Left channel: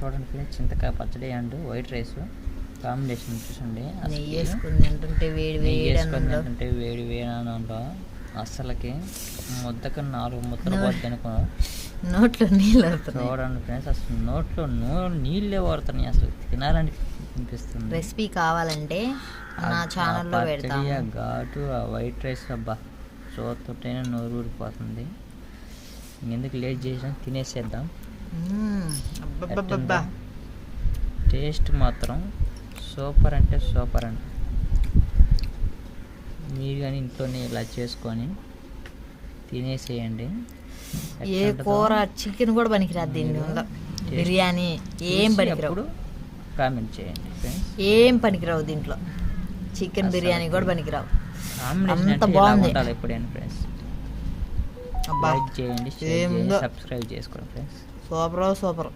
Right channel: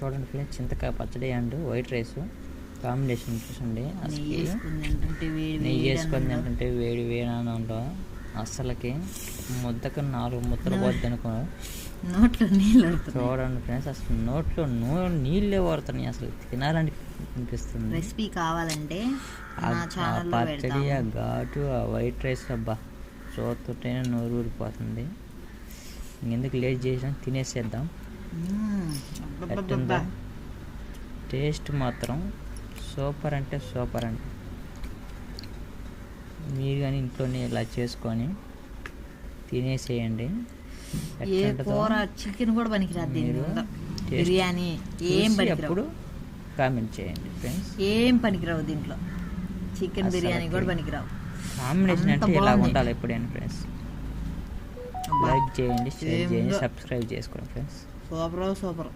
చూడండి ఫ్రెండ్స్, చింతకాయ పచ్చడి అండ్ వైట్ రైస్ కాంబినేషన్ చూసండి. నెయ్యి వేసుకొని తింటుంటే వేడి వేడి ఉంటాం. అస్సలకి ముద్దకు 4 ముద్దలు పోద్ది అనుకో, నోట్లో నీళ్ళు. చూడండి ఫ్రెండ్స్, అసలు నోట్లో నీళ్ళే పడుతున్నాయి. అసలు తినాలని అనిపిస్తుంది. రెసిపీ కావాలంటే పచ్చడి, ఆ ఘాటు, ఆ వైట్ రైస్, అబ్బా చూస్తుంటేనే నోరు ఊడిపోతుంది. ఎందుకు లేట్ చేసినా తినేసేద్దాం. ఎట్టుందో టేస్ట్ మాత్రం సూపర్ అంటే సూపర్ అండి. మీరు కానీ ఇంట్లోనే ఇలా చేసుకొని తినేసేయండి. ఏ కూర చికెన్ కూడా పనికిరాదు దీంట్లో, బిర్యానీ ఏం పనికిరావు. కామెంట్ చేయండి ఫ్రెండ్స్, ఏం పనికిరావు దీంట్లో. చికెన్ బిర్యానీ కూడా పనికిరావు. కాంబినేషన్ అంటే ఇలా ఉండాలి ఎప్పుడైనా ఫ్రెండ్స్. లైక్ చేయండి, షేర్ చేయండి, సబ్స్క్రైబ్ చేసుకోండి ఫ్రెండ్స్. సూపర్.